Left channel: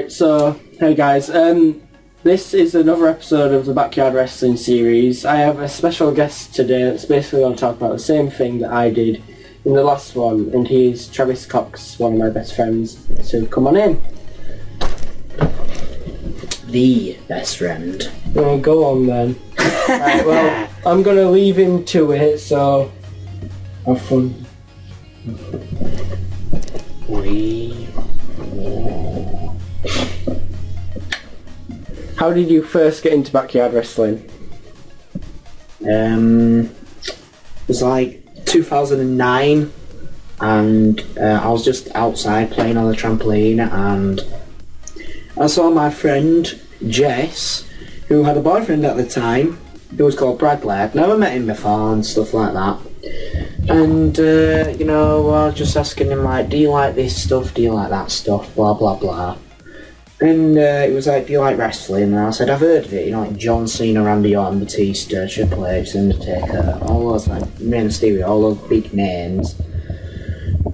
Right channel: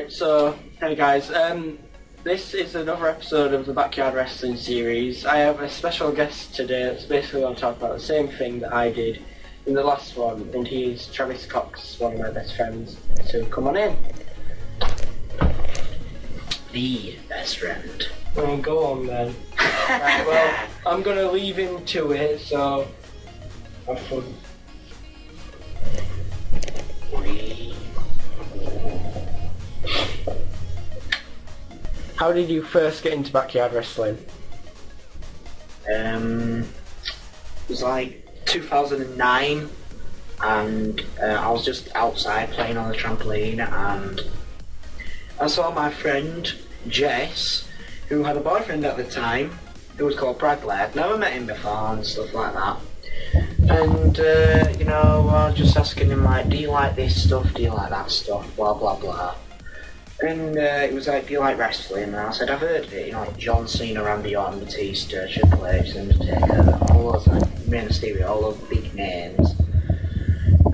Right, so, hey guys, this is another episode of the Backyard Wrestling series. I have a special guest today that's basically going to talk about the same thing that I did in the last one, and he's Travis Cox, one of my best friends, so come on in. The best friend. Well, go on then. Right, well, I'm going to leave him to it, so have fun. How did you first get into backyard wrestling? It was like 2009, and I was just outside playing on the trampoline, and I saw my friend Jess, who had a boyfriend at the time, who was called Bradley. I'd never met him before and stuff like that. And, you know, I was just asking him, like, do you like this stuff, do you like that stuff, blah blah blah. And it was like, do you like wrestling? And I said, I've heard of it, you know, like John Cena, Randy Orton, Batista, Triple H, Undertaker, all those, like, Rey Mysterio, all those big names.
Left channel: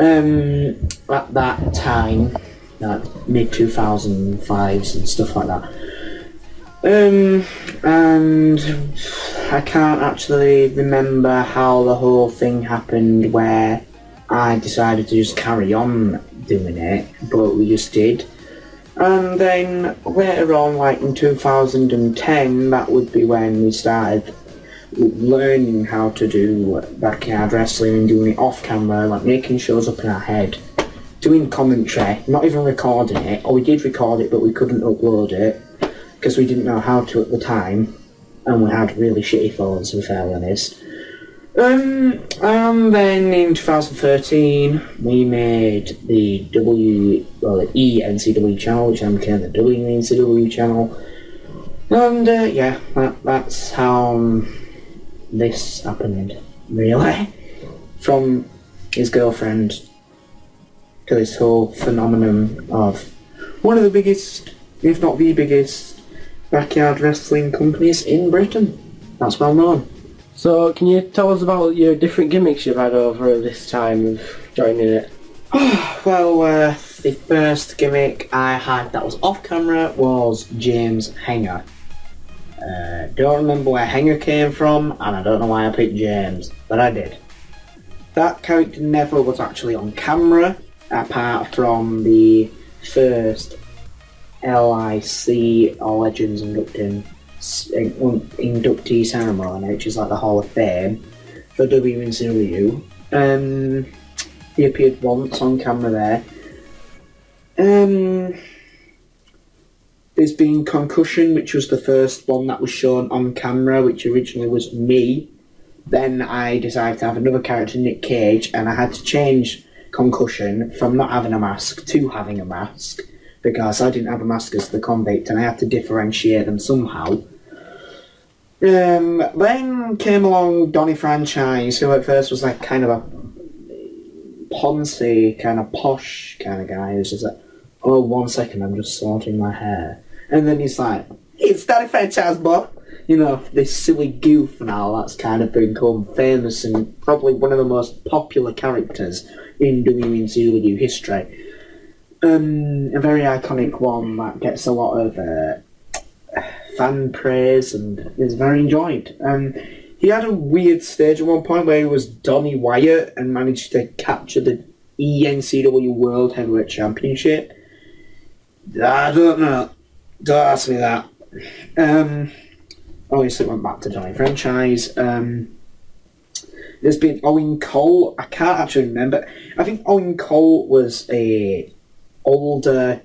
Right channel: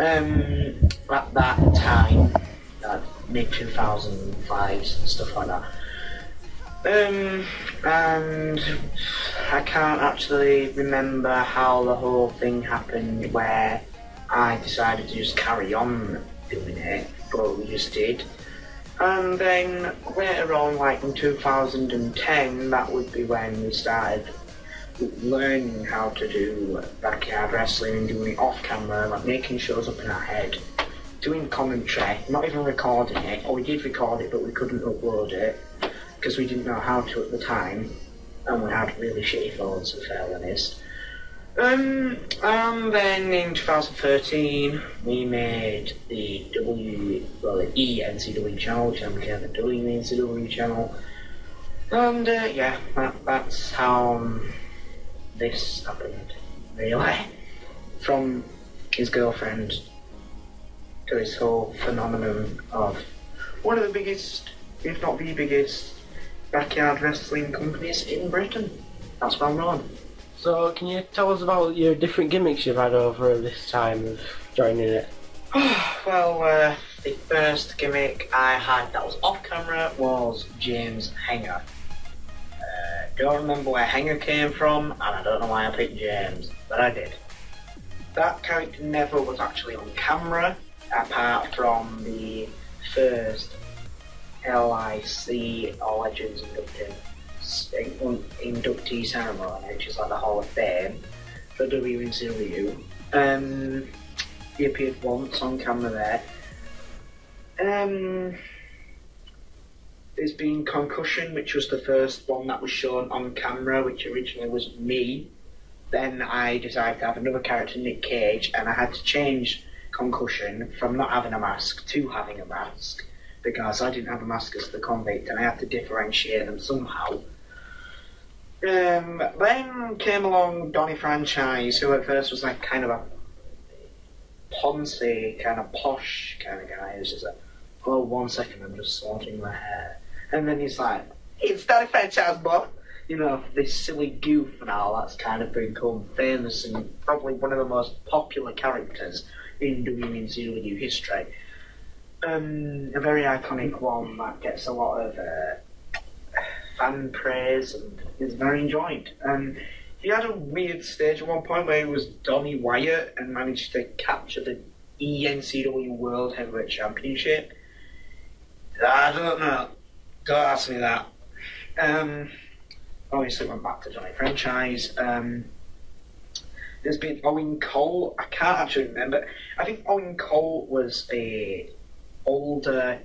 At that time, like, mid-2005s and stuff like that. And I can't actually remember how the whole thing happened where I decided to just carry on doing it, but we just did. And then later on, like in 2010, that would be when we started learning how to do backyard wrestling and doing it off camera, like making shows up in our head, doing commentary, not even recording it, or we did record it but we couldn't upload it because we didn't know how to at the time, and we had really shitty phones, to be fair honest. And then in 2013 we made the E-NCW channel, which then became the W-NCW channel, and yeah, that's how this happened, really. From his girlfriend to this whole phenomenon of one of the biggest, if not the biggest, backyard wrestling companies in Britain. That's well known. So, can you tell us about your different gimmicks you've had over this time of joining it? Well, the first gimmick I had that was off camera was James Hanger. Don't remember where Hanger came from, and I don't know why I picked James, but I did. That character never was actually on camera, apart from the first LIC, or Legends inductee ceremony, which is like the Hall of Fame for WCW. He appeared once on camera there. There's been Concussion, which was the first one that was shown on camera, which originally was me. Then I decided to have another character, Nick Cage, and I had to change Concussion from not having a mask to having a mask, because I didn't have a mask as the convict and I had to differentiate them somehow. Then came along Donny Franchise, who at first was like kind of a poncy, kind of posh kind of guy. He was just like, oh, 1 second, I'm just sorting my hair. And then he's like, it's Donny Franchise, boy. You know, this silly goof now that's kind of become famous and probably one of the most popular characters in WCW history. A very iconic one that gets a lot of fan praise and is very enjoyed. He had a weird stage at one point where he was Donny Wyatt and managed to capture the ENCW World Heavyweight Championship. I don't know. Don't ask me that. Obviously went back to Donny Franchise. There's been Owen Cole. I can't actually remember. I think Owen Cole was a older...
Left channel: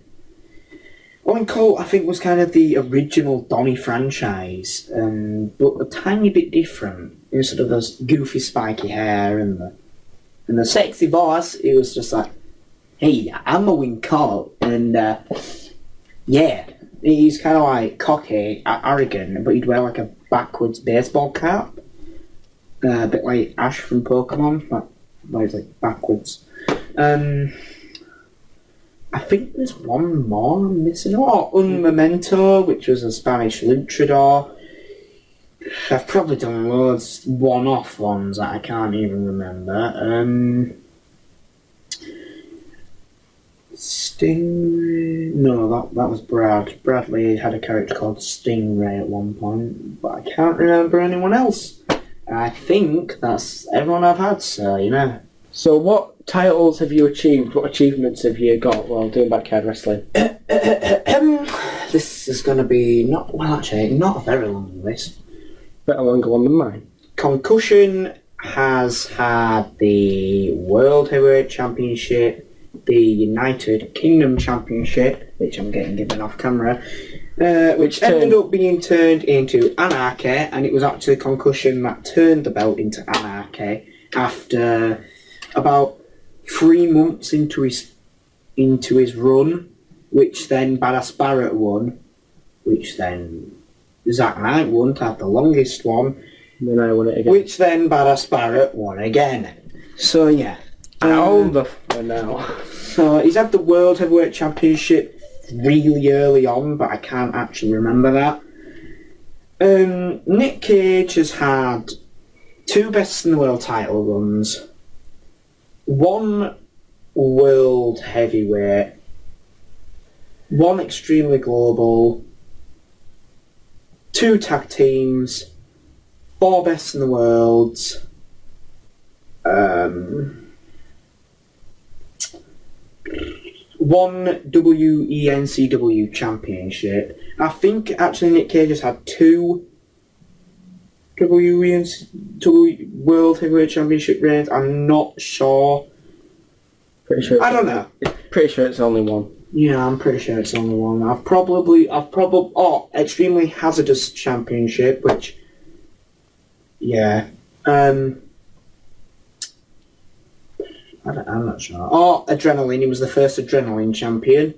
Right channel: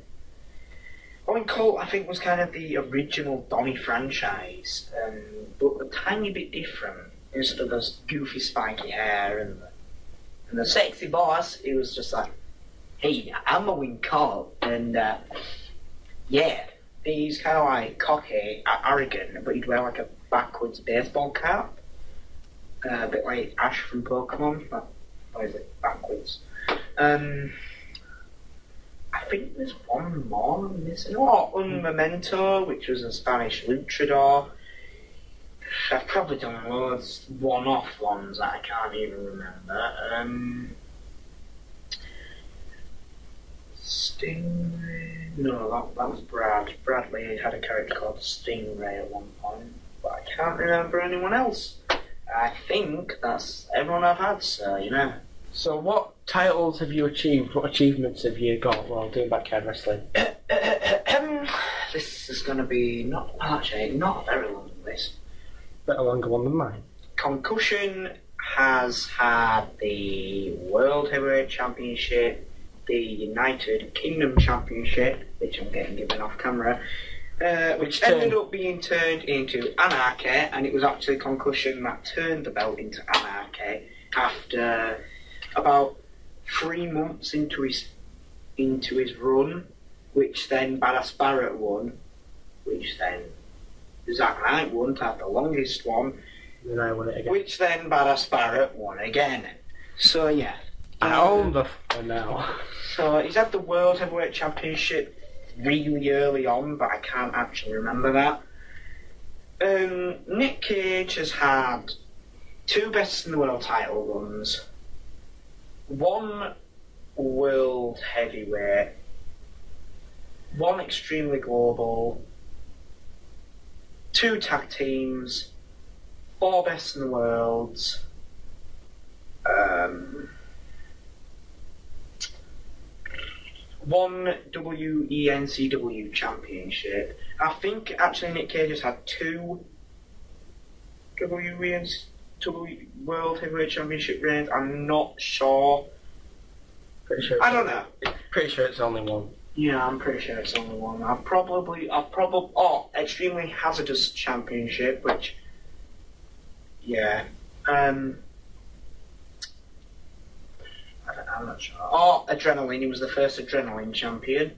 Owen Cole, I think, was kind of the original Donny Franchise, but a tiny bit different. Instead of those goofy spiky hair and the sexy voice, it was just like, hey, I'm Owen Cole, and yeah, he's kind of like cocky, arrogant, but he'd wear like a backwards baseball cap, a bit like Ash from Pokemon, but he's like backwards. I think there's one more I'm missing. Oh, Un Momento, which was a Spanish luchador. I've probably done loads one-off ones that I can't even remember. Stingray. No, that was Brad. Bradley had a character called Stingray at one point, but I can't remember anyone else. I think that's everyone I've had, so you know. So what titles have you achieved? What achievements have you got while doing backyard wrestling? This is going to be not a very long list. Bit a longer one than mine. Concussion has had the World Heavyweight Championship, the United Kingdom Championship, which I'm getting given off camera, which ended up being turned into Anarchy, and it was actually Concussion that turned the belt into Anarchy after about 3 months into his run, which then Badass Barrett won, which then Zack Knight won to have the longest one, and then I won it again. Which then Badass Barrett won again. So yeah. I own the now. So he's had the World Heavyweight Championship really early on, but I can't actually remember that. Nick Cage has had 2 Best in the World title runs, 1 World Heavyweight, 1 Extremely Global, 2 Tag Teams, 4 Best in the Worlds, 1 WENCW Championship. I think actually Nick Cage has had 2 WENCW World Heavyweight Championship reigns. I'm not sure. Pretty sure. I don't know. Pretty sure it's only 1. Yeah, I'm pretty sure it's only 1. Extremely Hazardous Championship, which, yeah, I'm not sure. Oh, Adrenaline. He was the first Adrenaline champion.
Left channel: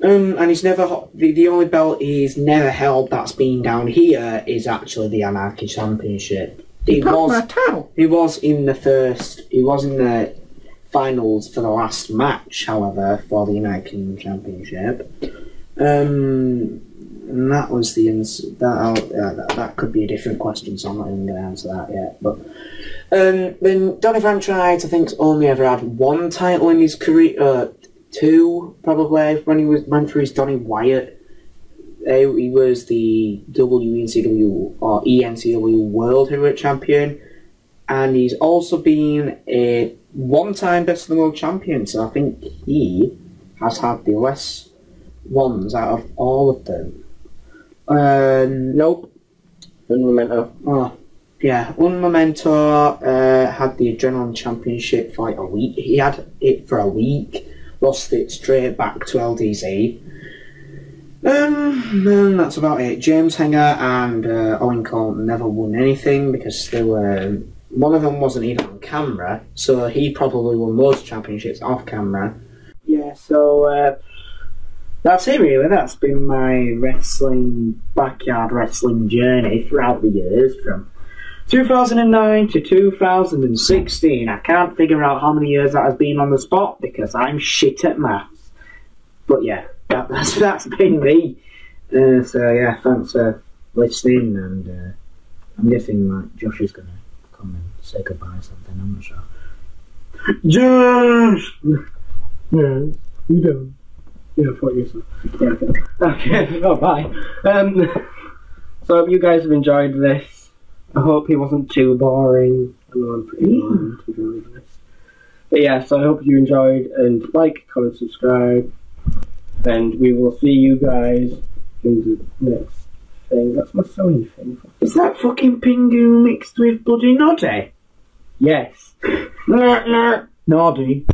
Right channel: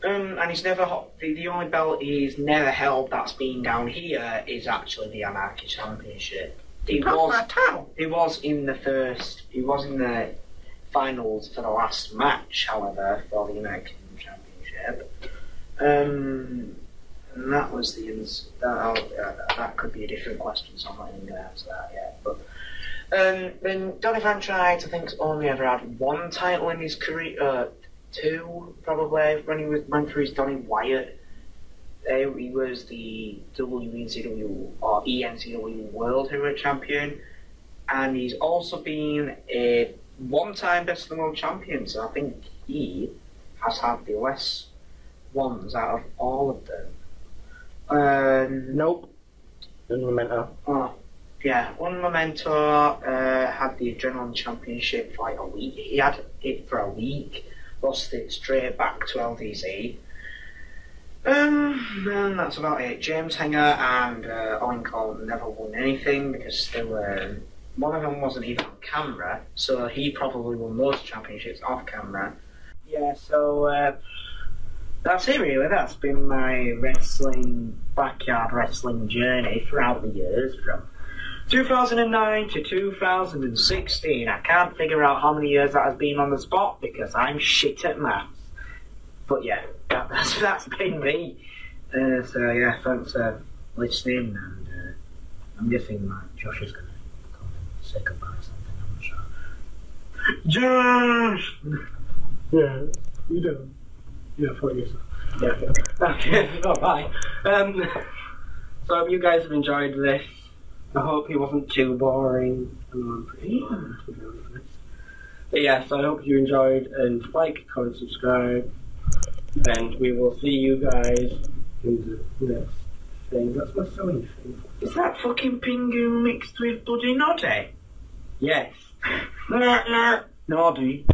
And he's never the only belt he's never held that's been down here is actually the Anarchy Championship. He was in the finals for the last match, however, for the United Kingdom Championship. And that was that could be a different question, so I'm not even going to answer that yet. But then Donny Franchise, I think, only ever had 1 title in his career, 2 probably when he went through his Donny Wyatt. He was the WENCW or ENCW World Heavyweight Champion, and he's also been a 1-time Best in the World Champion. So I think he has had the less ones out of all of them. Nope. Un Memento. Oh, yeah. Un Memento had the Adrenaline Championship for like a week. He had it for a week, lost it straight back to LDZ. And that's about it. James Henger and Owen Colton never won anything because they were... One of them wasn't even on camera, so he probably won those championships off camera. Yeah, so... that's it really. That's been my backyard wrestling journey throughout the years from 2009 to 2016. I can't figure out how many years that has been on the spot because I'm shit at maths. But yeah, that's been me. So yeah, thanks for listening, and I'm guessing like Josh is going to come and say goodbye or something, I'm not sure. Josh! Yeah, you don't. Yeah, fuck yourself. Yeah, okay. Oh, bye. So I hope you guys have enjoyed this. I hope it wasn't too boring. I know I'm pretty boring to be honest. But yeah, so I hope you enjoyed, and like, comment, subscribe, and we will see you guys in the next thing. That's my sewing thing. Is that fucking Pingu mixed with bloody Noddy? Yes. Noddy.